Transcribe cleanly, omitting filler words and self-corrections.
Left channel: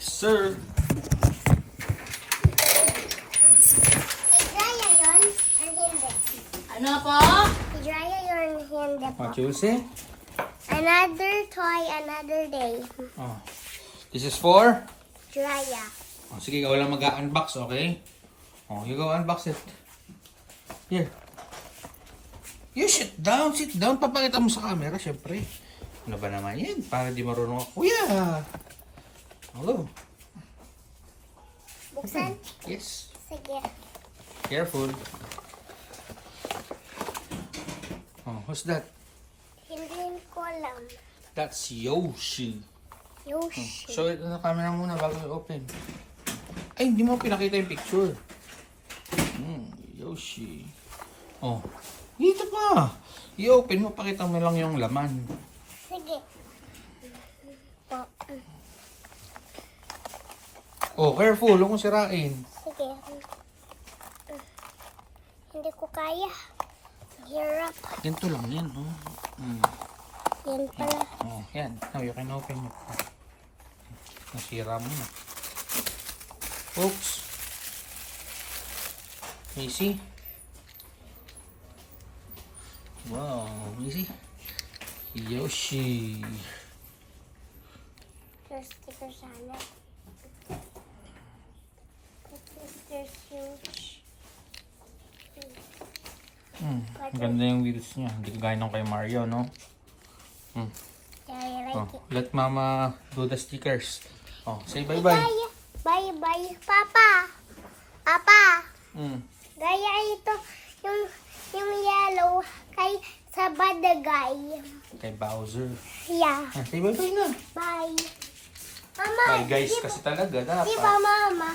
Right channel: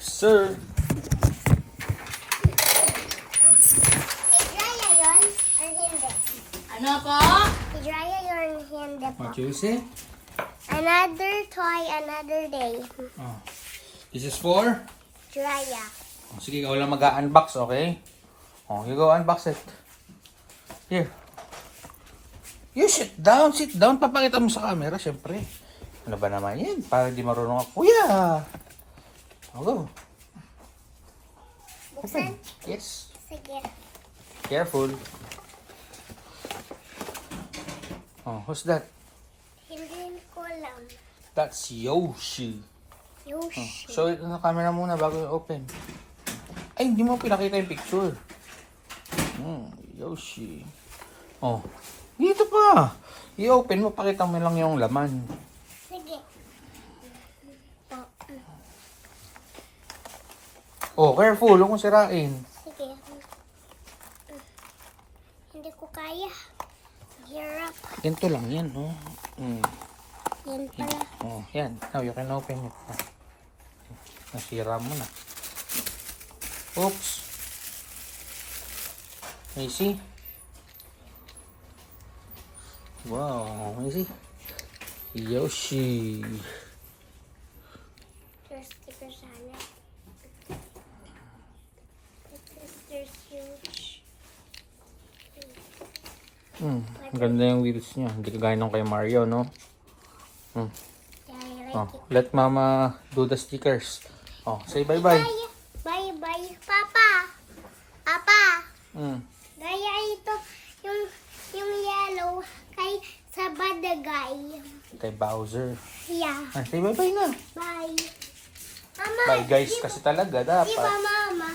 Yes, sir. I-drya yun or hindi? Ano po? I-drya yun hindi po. What you say? Another toy, another day. Oh. This is for? Drya. Oh, sige, ikaw lang mag-unbox, okay? Oh, you go unbox it. Here. You sit down, sit down. Papakita mo sa camera, syempre. Ano ba naman yan? Para di marunong ako. Kuya! Oh. Buksan? Yes. Sige. Careful. Oh, who's that? Hindi ko alam. That's Yoshi. Yoshi. Show it na camera muna bago i-open. Ay, hindi mo pinakita yung picture. Yoshi. Oh. Dito pa. I-open mo, pakita mo lang yung laman. Sige. Po. Oh, careful. Huwag mong sirain. Sige. Hindi ko kaya. Hirap. Ganito lang yan, oh. Yan pala. Oh, yan. Now you can open it. Nasira mo. Oops. Can you see? Wow. Can you see? Yoshi. There's sticker sana. There's huge. Ganda yung wheels niya. Hindi kagaya nung kay Mario, no? I Oh, like it. let Mama do the stickers. Oh, say bye-bye. Bye. Bye. Papa. Papa. Gaya ito yung yellow kay sa badagay. Kay Bowser. Yeah. Say bye-bye na. Bye. Mama. Bye guys kasi talaga dapat. Di ba mama?